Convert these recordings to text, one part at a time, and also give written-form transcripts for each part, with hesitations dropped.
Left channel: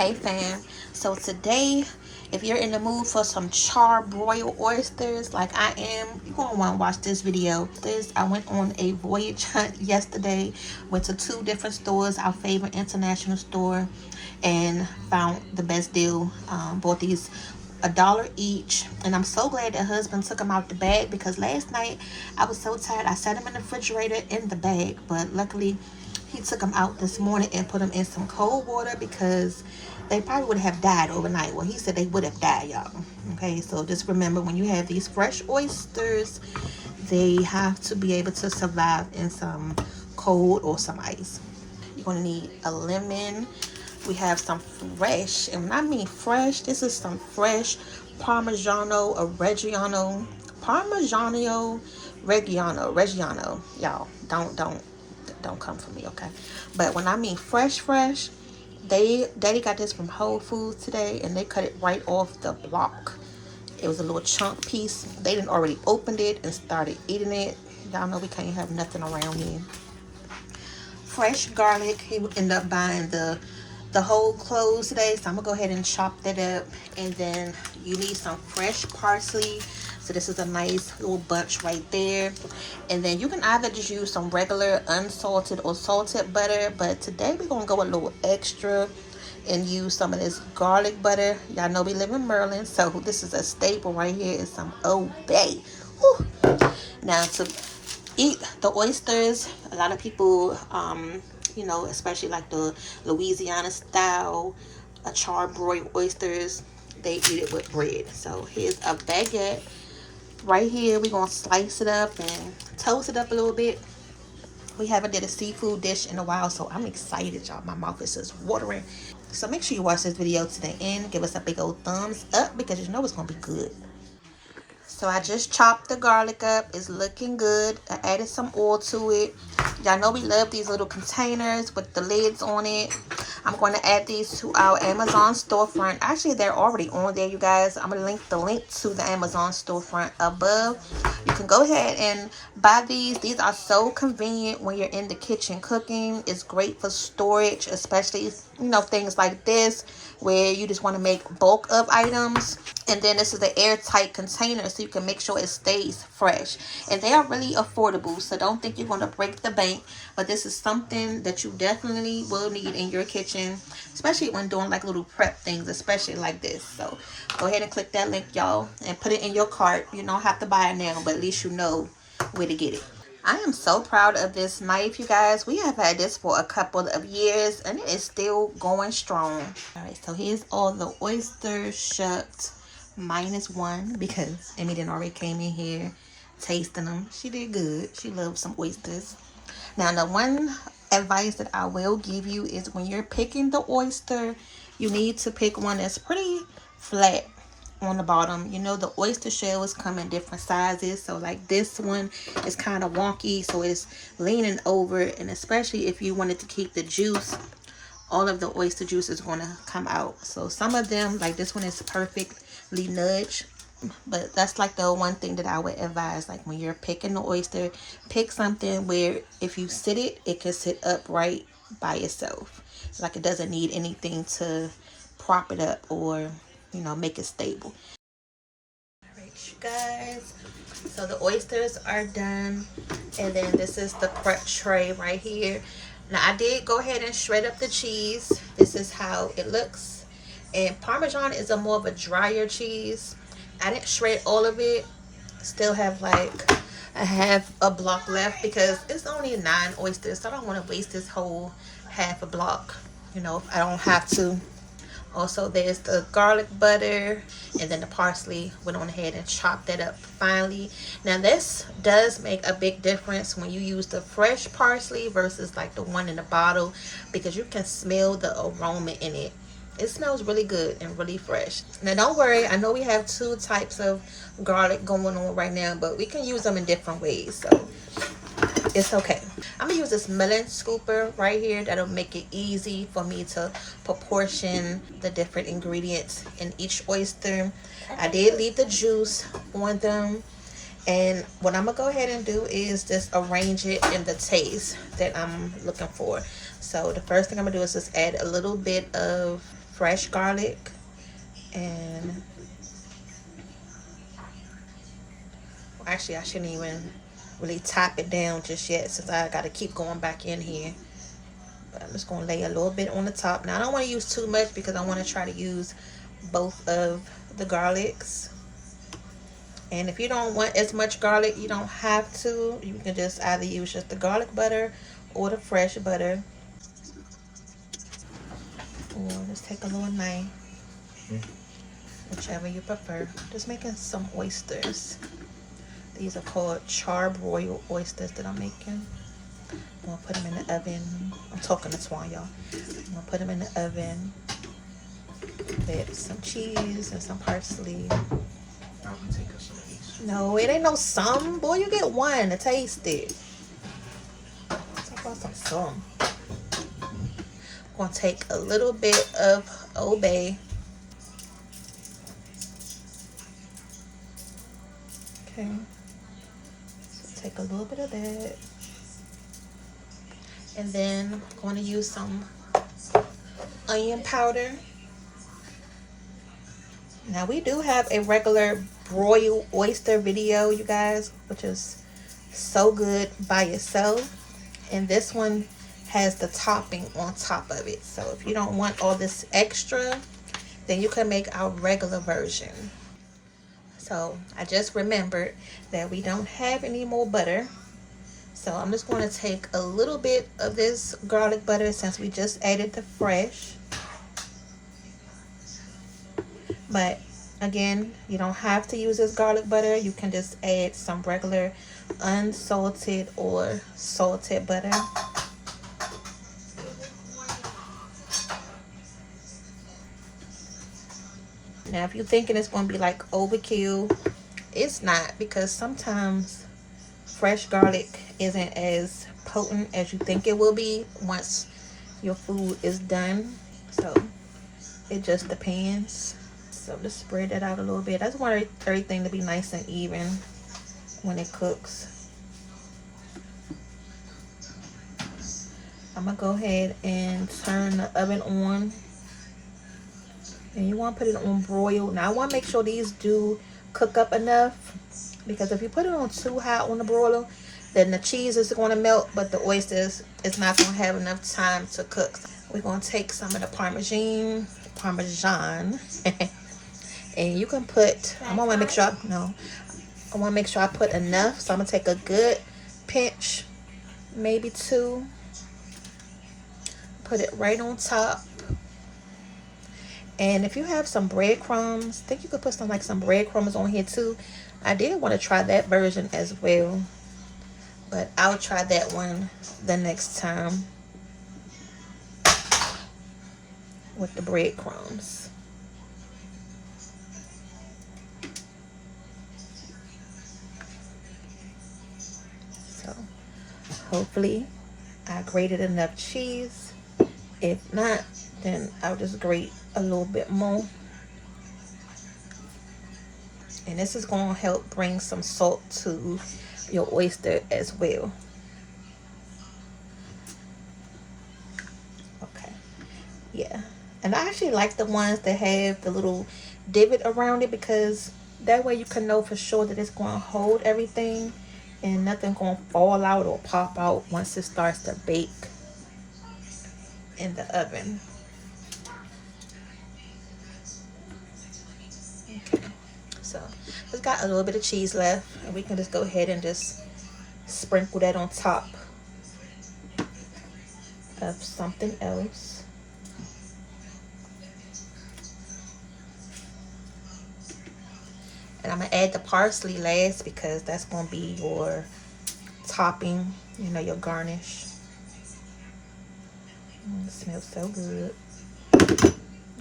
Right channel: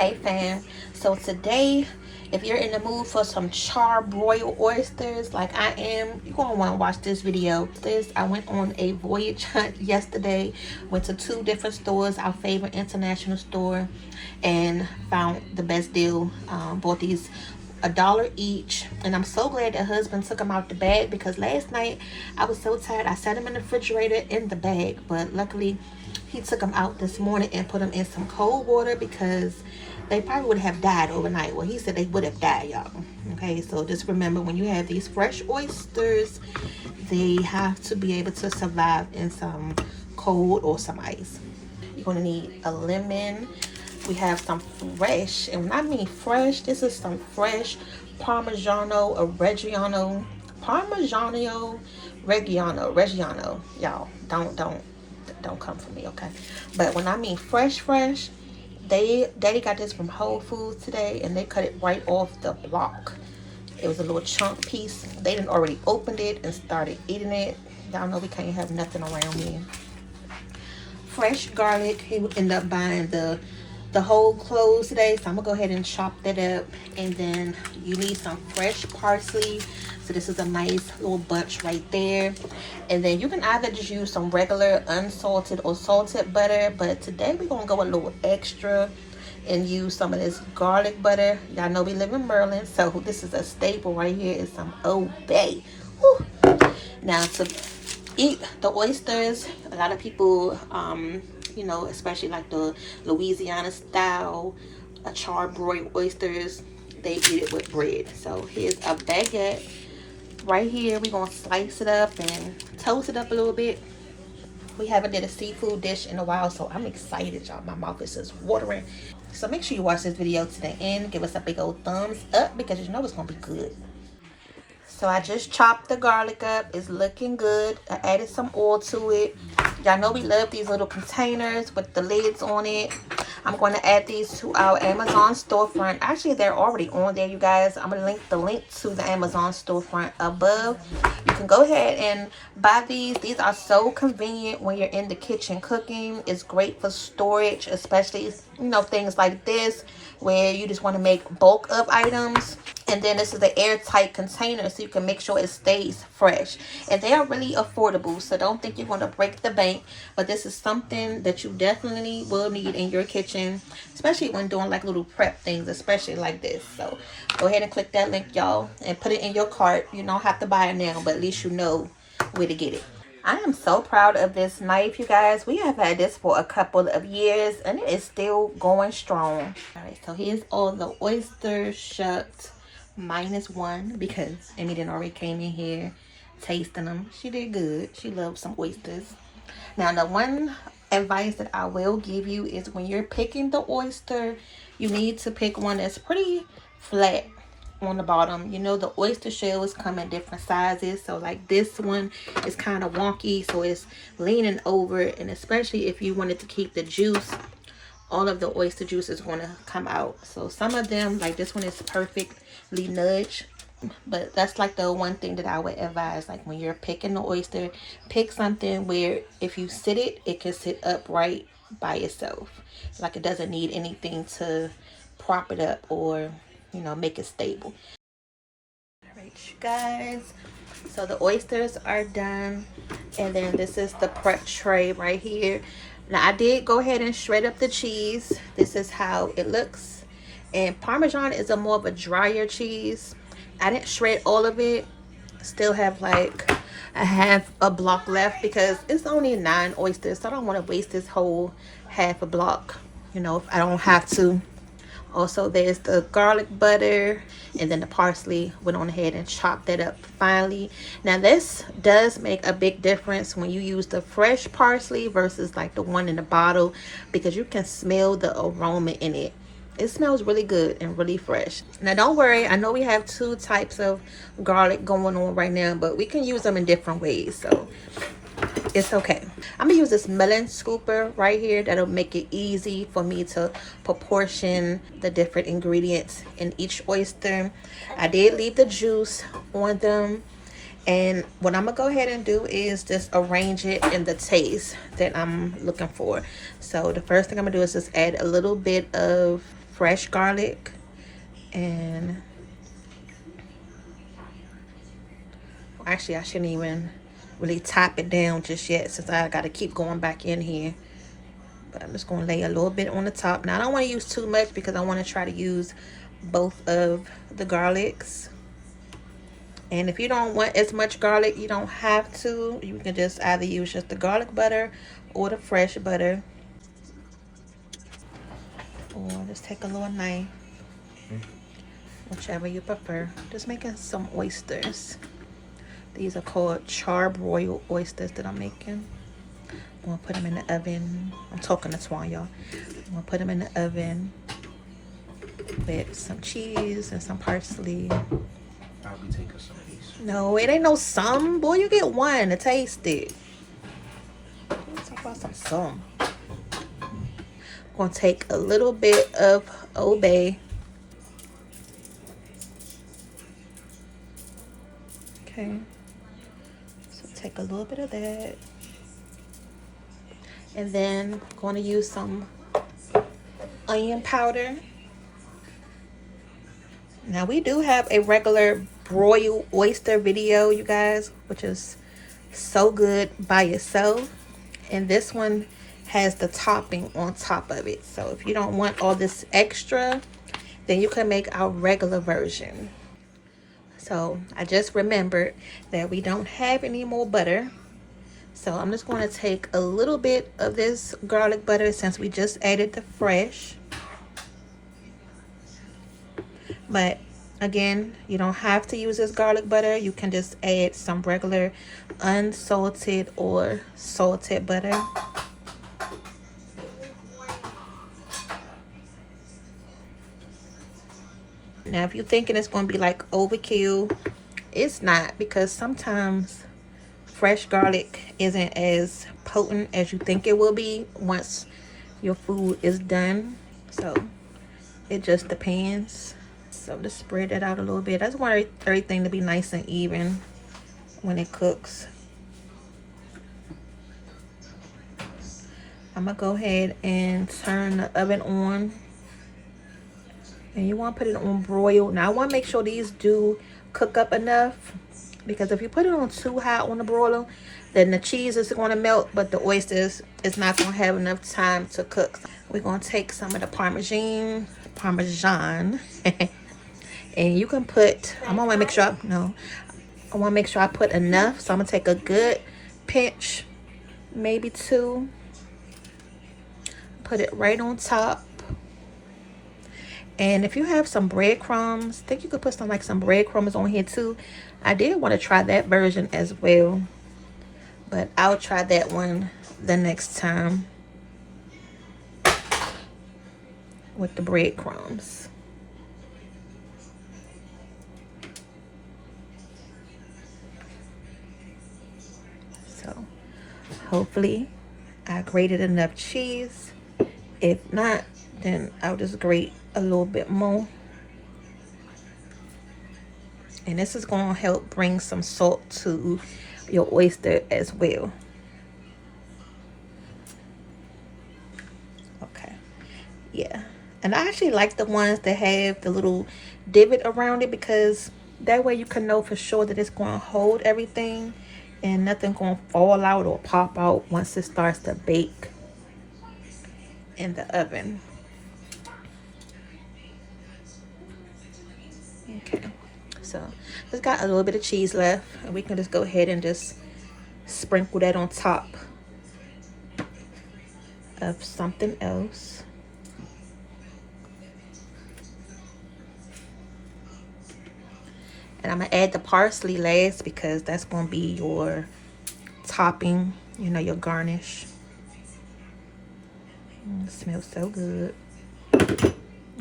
Hey fam, so today if you're in the mood for some char-broiled oysters like I am, you're gonna want to watch this video. I went on a voyage hunt yesterday, went to 2 different stores, our favorite international store, and found the best deal. Bought these $1 each, and I'm so glad that husband took them out the bag, because last night I was so tired I set them in the refrigerator in the bag, but luckily he took them out this morning and put them in some cold water, because they probably would have died overnight. Well, he said they would have died, y'all. Okay, so just remember, when you have these fresh oysters, they have to be able to survive in some cold or some ice. You're gonna need a lemon. We have some fresh, and when I mean fresh, this is some fresh Parmigiano Reggiano. Y'all, don't come for me, okay? But when I mean fresh, Daddy got this from Whole Foods today, and they cut it right off the block. It was a little chunk piece. They didn't already opened it and started eating it. Y'all know we can't have nothing around me. Fresh garlic. He would end up buying the whole cloves today, so I'm gonna go ahead and chop that up. And then you need some fresh parsley. So this is a nice little bunch right there. And then you can either just use some regular unsalted or salted butter, but today we're gonna go a little extra and use some of this garlic butter. Y'all know we live in Maryland, so this is a staple right here, is some Old Bay. Woo. Now, to eat the oysters, a lot of people you know, especially like the Louisiana style char-broiled oysters, they eat it with bread. So here's a baguette right here. We're gonna slice it up and toast it up a little bit. We haven't did a seafood dish in a while, so I'm excited, y'all. My mouth is just watering. So make sure you watch this video to the end. Give us a big old thumbs up, because you know it's gonna be good. So I just chopped the garlic up. It's looking good. I added some oil to it. Y'all know we love these little containers with the lids on it. I'm going to add these to our Amazon storefront. Actually, they're already on there, you guys. I'm going to link the link to the Amazon storefront above. You can go ahead and buy these. These are so convenient when you're in the kitchen cooking. It's great for storage, especially, you know, things like this where you just want to make bulk of items. And then this is the airtight container, so you can make sure it stays fresh. And they are really affordable, so don't think you're going to break the bank. But this is something that you definitely will need in your kitchen, especially when doing like little prep things, especially like this. So go ahead and click that link, y'all, and put it in your cart. You don't have to buy it now, but at least you know where to get it. I am so proud of this knife, you guys. We have had this for a couple of years, and it is still going strong. All right, so here's all the oysters shucked. -1, because Emmy didn't already came in here tasting them. She did good. She loves some oysters. Now, the one advice that I will give you is, when you're picking the oyster, you need to pick one that's pretty flat on the bottom. You know, the oyster shells come in different sizes, so like this one is kind of wonky, so it's leaning over. And especially if you wanted to keep the juice, all of the oyster juice is going to come out. So some of them, like this one, is perfectly nudged. But that's like the one thing that I would advise, like when you're picking the oyster, pick something where if you sit it, it can sit upright by itself. Like it doesn't need anything to prop it up or, you know, make it stable. All right, you guys. So the oysters are done. And then this is the prep tray right here. Now, I did go ahead and shred up the cheese. This is how it looks. And Parmesan is a more of a drier cheese. I didn't shred all of it. Still have like a half a block left, because it's only 9 oysters. So I don't want to waste this whole half a block, you know, if I don't have to. Also, there's the garlic butter, and then the parsley. Went on ahead and chopped that up finely. Now, this does make a big difference when you use the fresh parsley versus like the one in the bottle, because you can smell the aroma in it. It smells really good and really fresh. Now, don't worry. I know we have 2 types of garlic going on right now, but we can use them in different ways, so it's okay. I'm gonna use this melon scooper right here. That'll make it easy for me to proportion the different ingredients in each oyster. I did leave the juice on them, and what I'm gonna go ahead and do is just arrange it in the taste that I'm looking for. So the first thing I'm gonna do is just add a little bit of fresh garlic, and actually I shouldn't even really top it down just yet since I gotta keep going back in here. But I'm just gonna lay a little bit on the top. Now I don't want to use too much because I want to try to use both of the garlics. And if you don't want as much garlic, you don't have to. You can just either use just the garlic butter or the fresh butter. Or just take a little knife, whichever you prefer. Just making some oysters. These are called broiled oysters that I'm making. I'm gonna put them in the oven. I'm talking to Twan, y'all. I'm gonna put them in the oven with some cheese and some parsley. Probably take us some piece. No, it ain't no some. Boy, you get one to taste it. Some. I'm gonna take a little bit of Old Bay. Okay. So take a little bit of that. And then I'm going to use some onion powder. Now we do have a regular broiled oyster video, you guys, which is so good by itself. And this one has the topping on top of it. So if you don't want all this extra, then you can make our regular version. So I just remembered that we don't have any more butter. So I'm just going to take a little bit of this garlic butter since we just added the fresh. But again, you don't have to use this garlic butter. You can just add some regular unsalted or salted butter. Now, if you're thinking it's going to be like overkill, it's not, because sometimes fresh garlic isn't as potent as you think it will be once your food is done. So it just depends. So just spread that out a little bit. That's why everything to be nice and even when it cooks. I'm gonna go ahead and turn the oven on. And you want to put it on broil. Now I want to make sure these do cook up enough, because if you put it on too high on the broiler, then the cheese is going to melt, but the oysters is not going to have enough time to cook. We're going to take some of the Parmesan, and you can put, I want to make sure, I want to make sure I put enough. So I'm going to take a good pinch, maybe two, put it right on top. And if you have some breadcrumbs, I think you could put some breadcrumbs on here too. I did want to try that version as well, but I'll try that one the next time with the breadcrumbs. So hopefully I grated enough cheese. If not, then I'll just grate a little bit more. And this is going to help bring some salt to your oyster as well. Okay, yeah. And I actually like the ones that have the little divot around it, because that way you can know for sure that it's going to hold everything and nothing going to fall out or pop out once it starts to bake in the oven. So just got a little bit of cheese left, and we can just go ahead and just sprinkle that on top of something else. And I'm gonna add the parsley last, because that's gonna be your topping, you know, your garnish. It smells so good.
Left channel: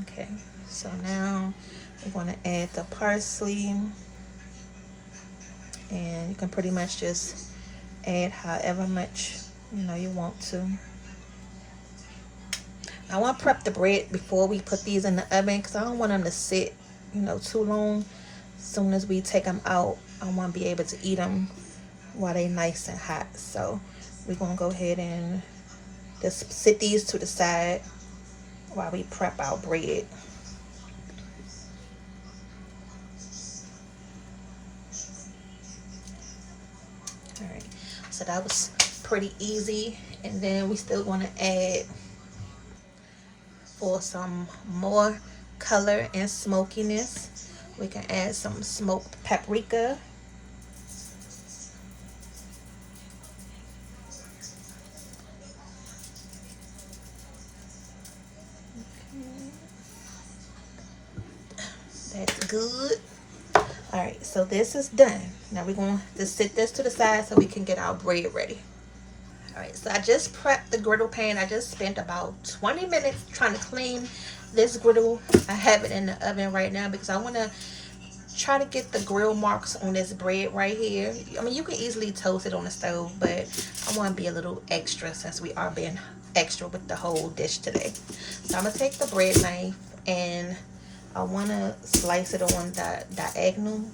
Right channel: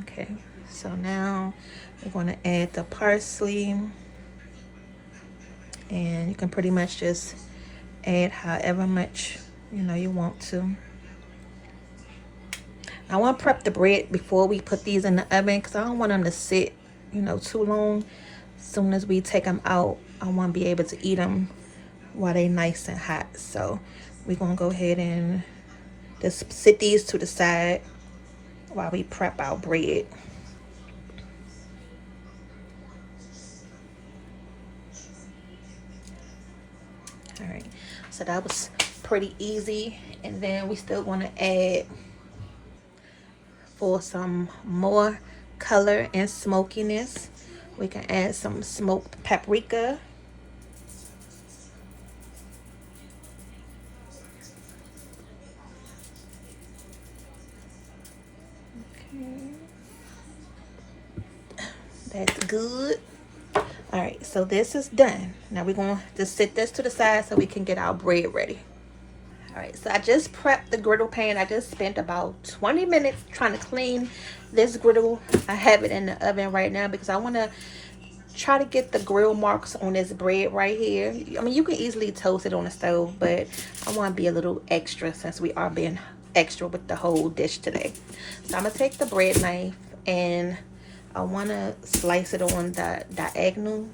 Okay, so now we're going to add the parsley, and you can pretty much just add however much you want to. I want to prep the bread before we put these in the oven, because I don't want them to sit too long. As soon as we take them out, I want to be able to eat them while they're nice and hot. So we're going to go ahead and just sit these to the side while we prep our bread. All right, so that was pretty easy. And then we still want to add, for some more color and smokiness, we can add some smoked paprika. That's good. All right, so this is done. Now we're going to just set this to the side so we can get our bread ready. All right, so I just prepped the griddle pan. I just spent about 20 minutes trying to clean this griddle. I have it in the oven right now because I want to try to get the grill marks on this bread right here. I mean, you can easily toast it on the stove, but I want to be a little extra since we are being extra with the whole dish today. So I'm going to take the bread knife and I want to slice it on the diagonal.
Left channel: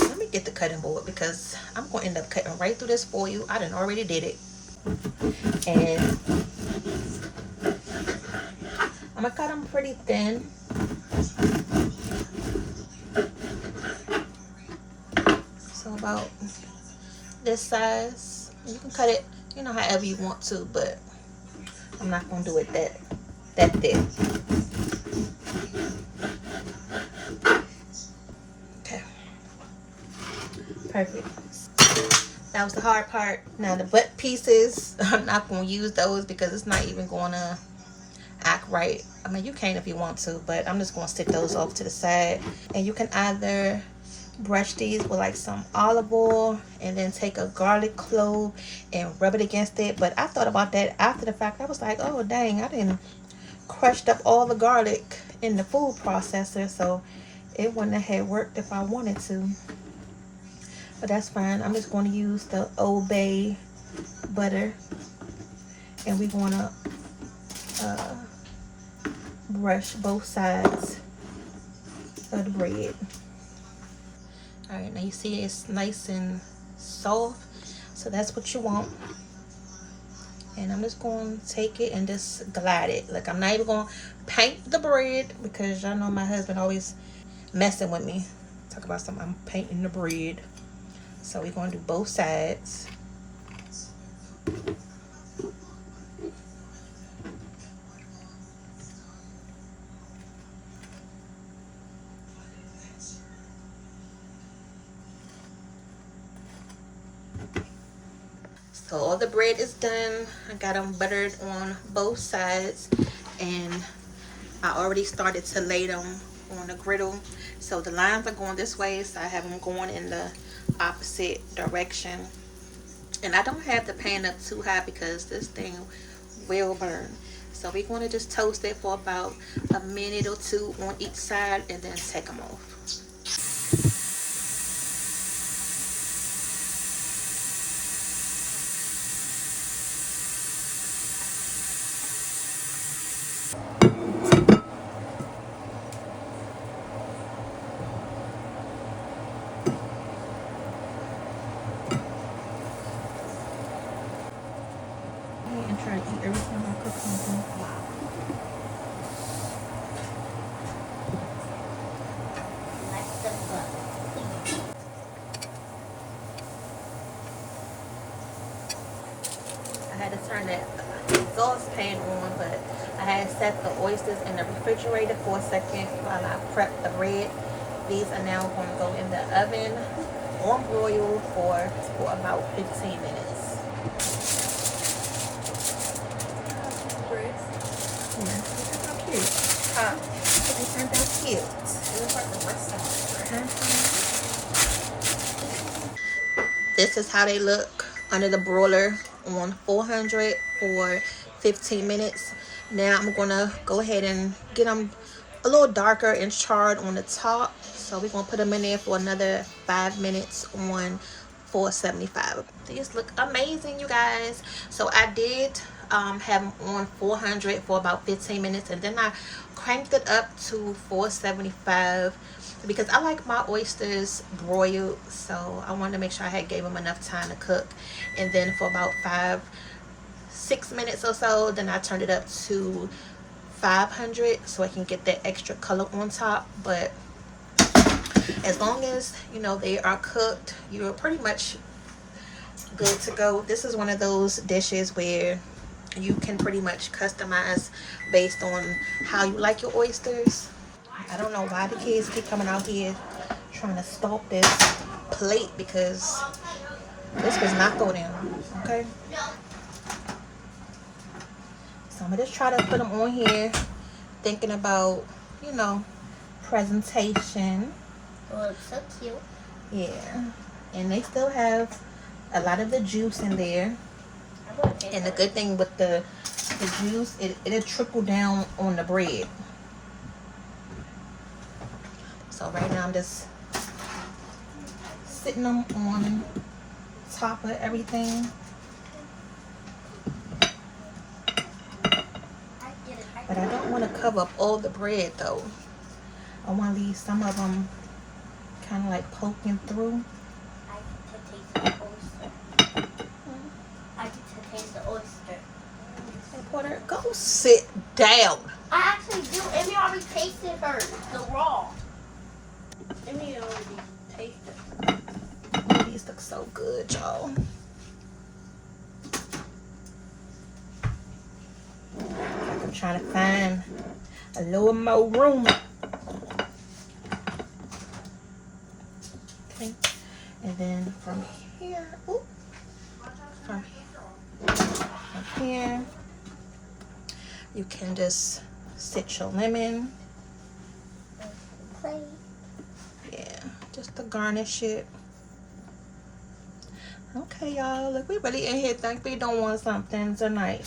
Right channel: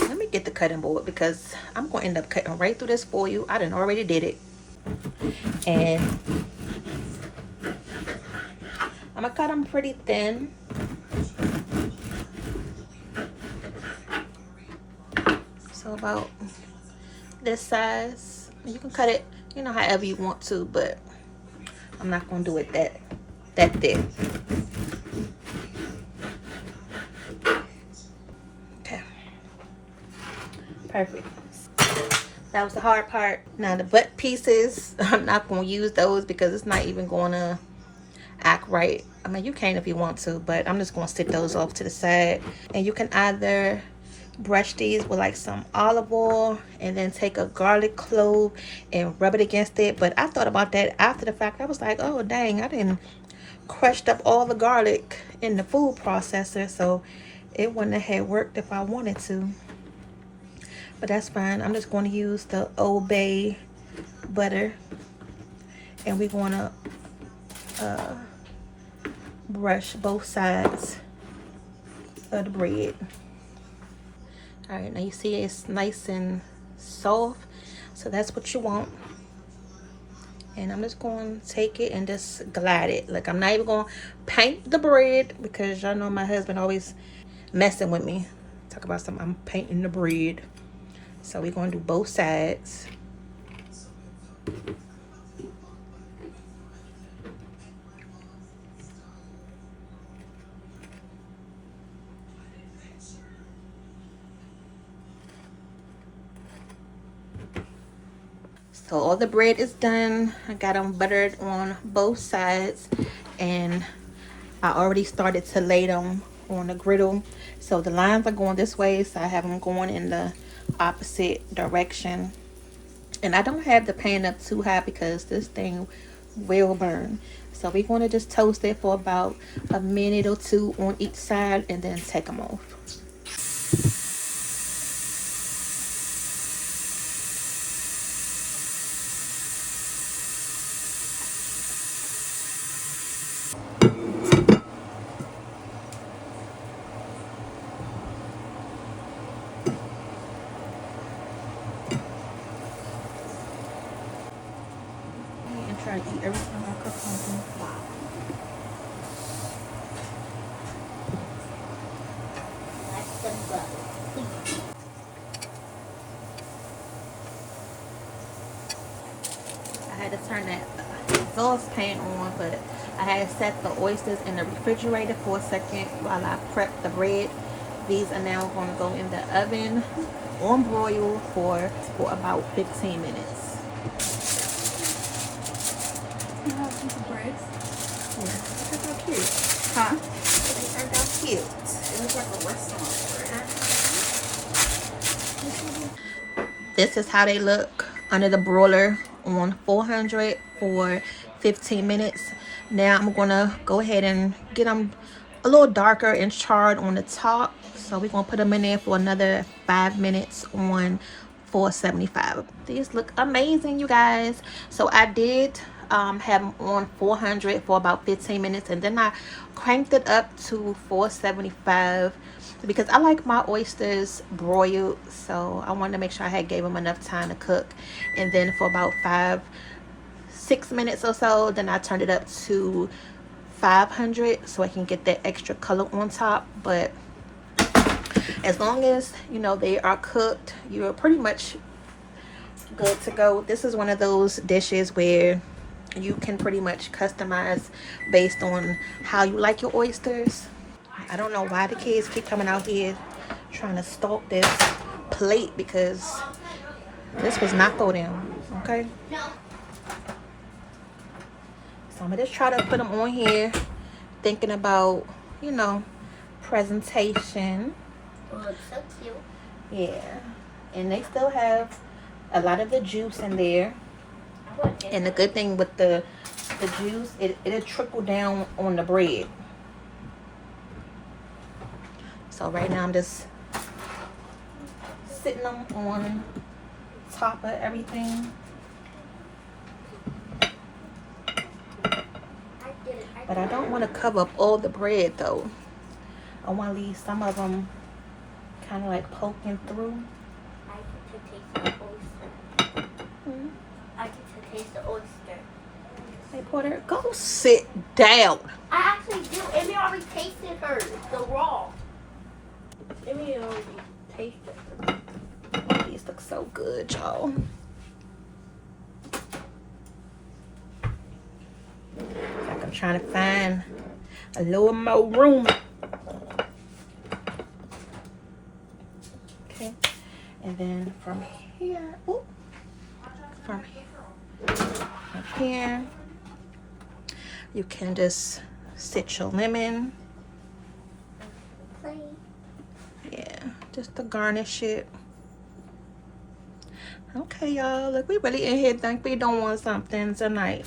Let me get the cutting board because I'm going to end up cutting right through this for you. I done already did it. And I'm going to cut them pretty thin. So about this size. You can cut it, you know, however you want to, but I'm not going to do it that thick. Okay. Perfect. That was the hard part. Now the butt pieces, I'm not going to use those because it's not even going to act right. I mean, you can if you want to, but I'm just going to stick those off to the side. And you can either brush these with like some olive oil and then take a garlic clove and rub it against it. But I thought about that after the fact. I was like, oh dang, I didn't crushed up all the garlic in the food processor, so it wouldn't have worked if I wanted to. But that's fine. I'm just going to use the Old Bay butter, and we're going to brush both sides of the bread. All right, now you see it's nice and soft, so that's what you want. And I'm just going to take it and just glide it. Like, I'm not even going to paint the bread because y'all know my husband always messing with me. Talk about something, I'm painting the bread. So we're going to do both sides. So all the bread is done. I got them buttered on both sides, and I already started to lay them on the griddle. So the lines are going this way, so I have them going in the opposite direction. And I don't have the pan up too high because this thing will burn. So we're going to just toast it for about a minute or two on each side and then take them off. And try to eat everything I cook something. I had to turn that saucepan on, but I had set the oysters in the refrigerator for a second while I prepped the bread. These are now going to go in the oven on broil for about 15 minutes. Yeah, look how cute. Huh? They turned out cute. It looks like a restaurant. This is how they look under the broiler on 400 for 15 minutes. Now I'm gonna go ahead and get them a little darker and charred on the top. So we're gonna put them in there for another 5 minutes on 475. These look amazing, you guys. So I did have them on 400 for about 15 minutes, and then I cranked it up to 475 because I like my oysters broiled, so I wanted to make sure I had gave them enough time to cook. And then for about 5-6 minutes or so, then I turned it up to 500 so I can get that extra color on top. But as long as you know they are cooked, you're pretty much good to go. This is one of those dishes where you can pretty much customize based on how you like your oysters. I don't know why the kids keep coming out here trying to stalk this plate, because this was not thrown in. Okay, so I'm gonna just try to put them on here, thinking about, you know, presentation. Oh, it's so cute. Yeah, and they still have a lot of the juice in there. And the good thing with the juice, it'll trickle down on the bread. So right now I'm just sitting them on top of everything. But I don't want to cover up all the bread though. I want to leave some of them kind of like poking through. I get to taste the oyster. I get to taste the oyster. Hey Porter, go sit down. I actually do. Amy already tasted hers, the raw. Amy already tasted. These look so good, y'all. I'm trying to find a little more room. Okay, and then from here, ooh, from here, you can just sit your lemon. Plate. Yeah, just to garnish it. Okay, y'all. Look, we really in here think we doing something tonight.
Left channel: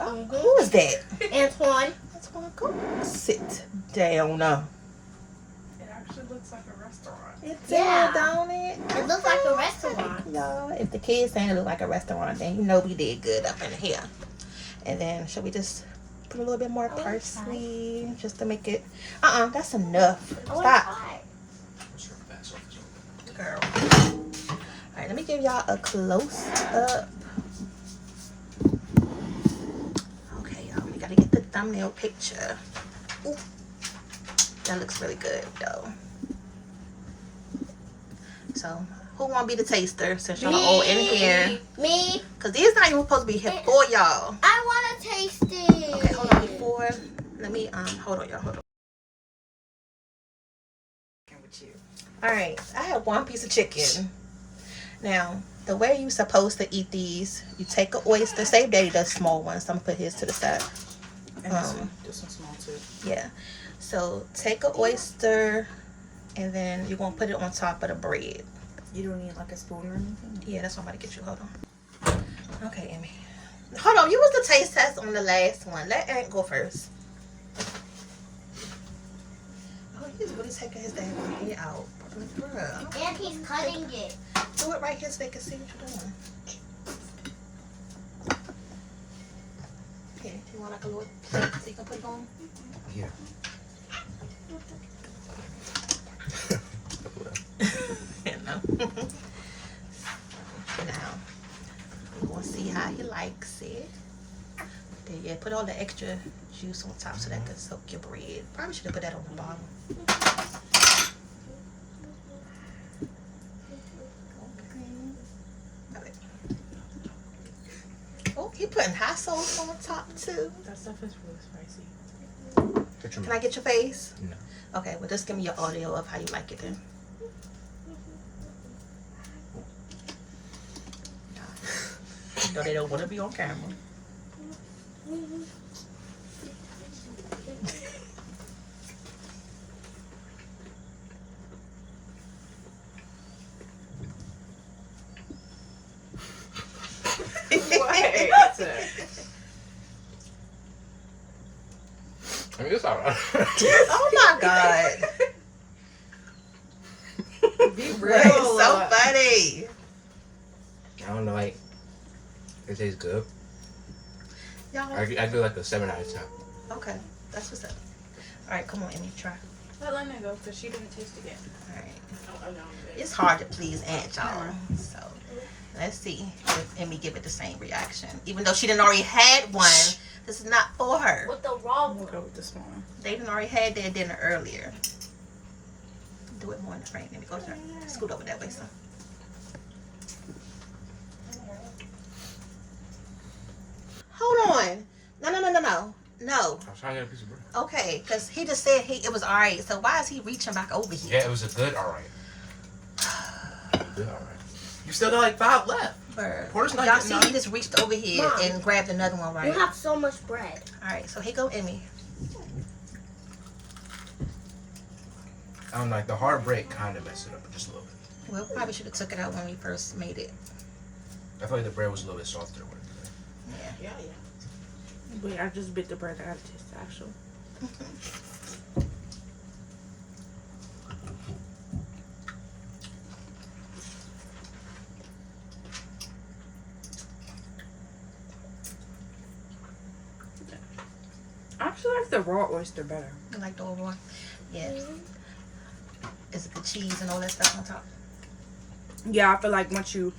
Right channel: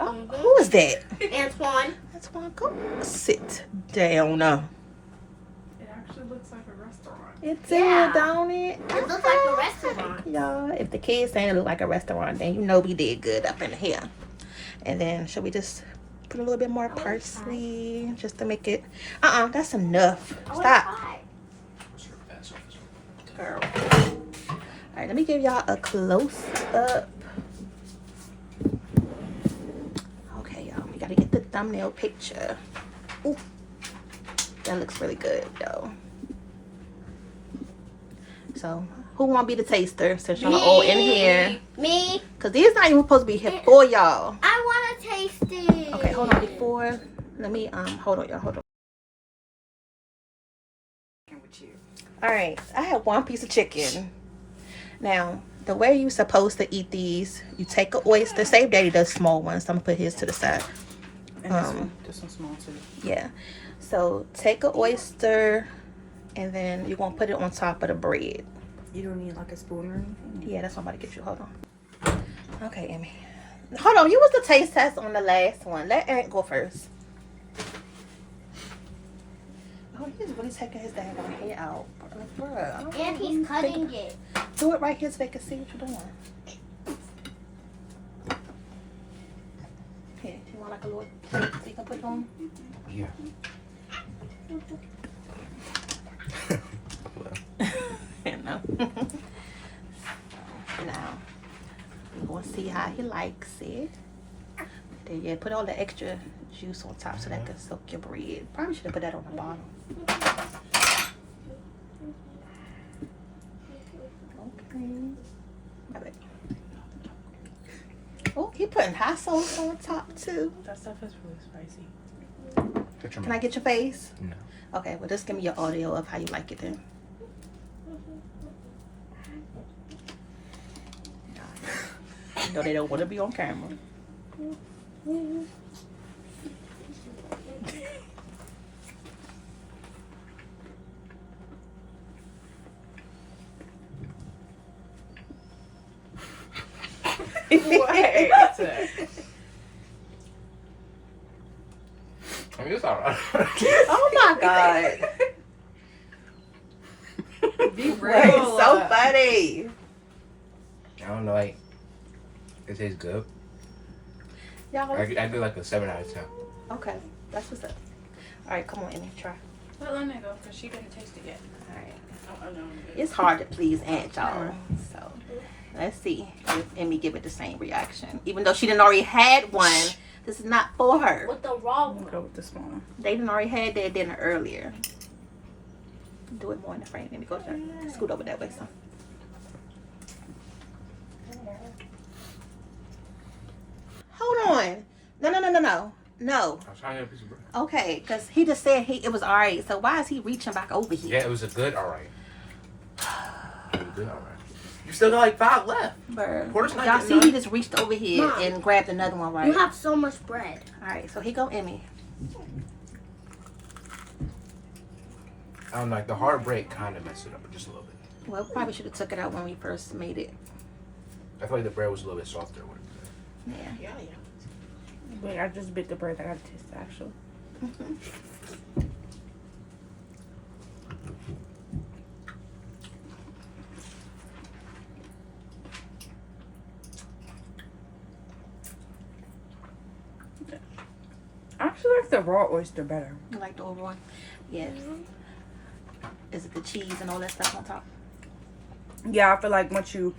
Oh, who is that? Antoine. Antoine, go sit down now. It actually looks like a restaurant. It's Yeah. don't it? It looks like a restaurant. Y'all, if the kids saying it look like a restaurant, then you know we did good up in here. And then should we just put a little bit more parsley just to make it? That's enough. I wanna Stop, try. What's your bad surface open? girl. All right, let me give y'all a close up. Okay, y'all, we gotta get the thumbnail picture. Ooh, that looks really good, though. So, who want to be the taster since y'all all in here? Me. Because these not even supposed to be here for y'all. I want to taste it. Okay, hold on. Before, let me, hold on, y'all, hold on. Alright, I have one piece of chicken. Now, the way you're supposed to eat these, you take an oyster. Say Daddy does small ones. I'm going to put his to the side. And this one's small too. Yeah. So, take an oyster, and then you're going to put it on top of the bread. You don't need like a spoon or anything? Yeah, that's what I'm about to get you. Hold on. Okay, Amy. Hold on. You was the taste test on the last one. Let Aaron go first. Oh, he's really taking his dang head out. Bruh. And he's cutting it. Do it right here so they can see what you're doing. Yeah, you want like a little plate so you can put it on? Yeah. No. Now, we'll see how he likes it. Then yeah, put all the extra juice on top so that can soak your bread. Probably should have put that on the bottom. Okay. Oh, he putting hot sauce on top too. That stuff is really spicy. Can I get your face? No. Okay, well just give me your audio of how you like it then. No, they don't want to be on camera. I mean, it's alright. Oh my god. Be real. It's so funny. I don't know, like, it tastes good. Y'all, I do like a 7 out of 10. okay, that's what's up. All right, come on, Amy, try. Let Lena go because she didn't taste it yet. Alright. Oh, no. It's hard to please Aunt, y'all. So let's see if Emmy give it the same reaction. Even though she didn't already had one, this is not for her. With the raw We'll one. go with the small one. They didn't already had their dinner earlier. Do it more in the frame. Let me go there. Scoot over that way, son. Hold on. No. I was trying to get a piece of bread. Okay, because he just said it was alright. So why is he reaching back over here? Yeah, it was a good alright. It was a good alright. You still got like 5 left. Bird. Porter's not Y'all getting see, none. he just reached over here Mom. and grabbed another one right. You have so much bread. Alright, so here go Emmy. I don't know, like the hard break kind of messed it up just a little bit. Well, probably should have took it out when we first made it. I feel like the bread was a little bit softer. With it. Yeah. Wait, I just bit the bread. I gotta taste the actual. I actually like the raw oyster better. I like the old one. Yeah. Is it the cheese and all that stuff on top? Yeah, I feel like once you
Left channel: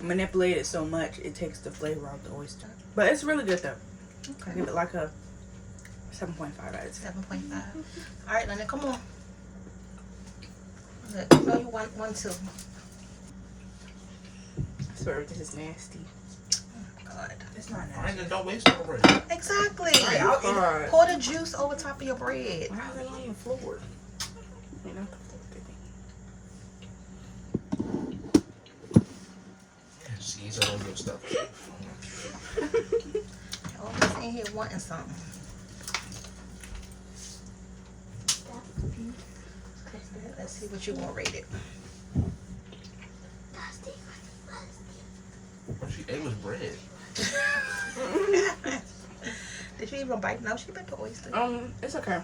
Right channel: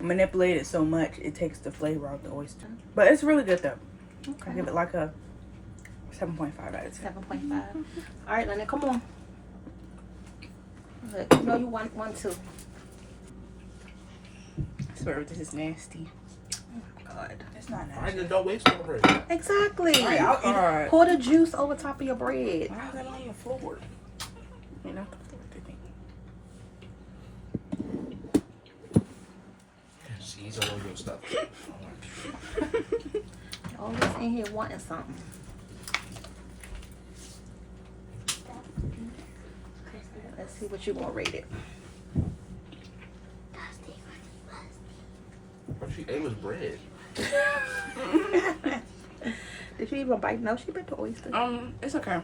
manipulate it so much, it takes the flavor out of the oyster. But it's really good though. I Okay. give it like a 7.5 out of 10. 7.5. Alright, Lena, come on. Look, no, you want one too. This is nasty. God. It's not Alright, nasty. then don't waste more bread. Exactly. Right, I'll eat it. Alright. Pour the juice over top of your bread. I'll eat it forward. You know? Cheese all over your stuff. Always in here wanting something. Let's see what you want to rate it. What she ate was bread. Did you even bite? No, she bit the oyster. It's okay.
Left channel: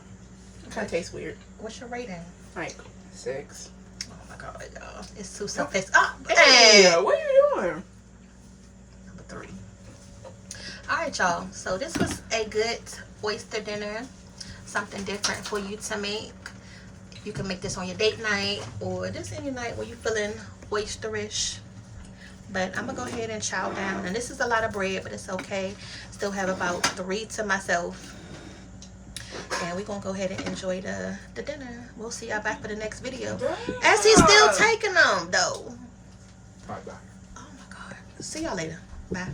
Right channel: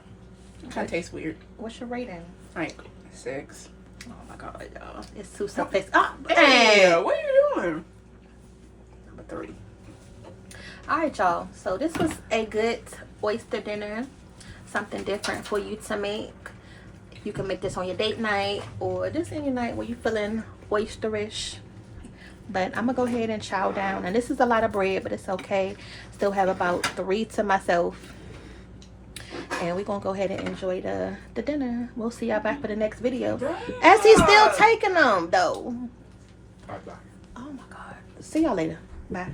It kind of tastes weird. What's your rating? Like 6. Oh my God, y'all. It's too self-based. Oh, Yeah, man. what are you doing? Number 3. Alright, y'all. So this was a good oyster dinner. Something different for you to make. You can make this on your date night or just any night where you're feeling oysterish. But I'm going to go ahead and chow down. And this is a lot of bread, but it's okay. Still have about 3 to myself. And we're going to go ahead and enjoy the dinner. We'll see y'all back for the next video. As he's still taking them, though. Alright, bye. Oh, my God. See y'all later. Bye.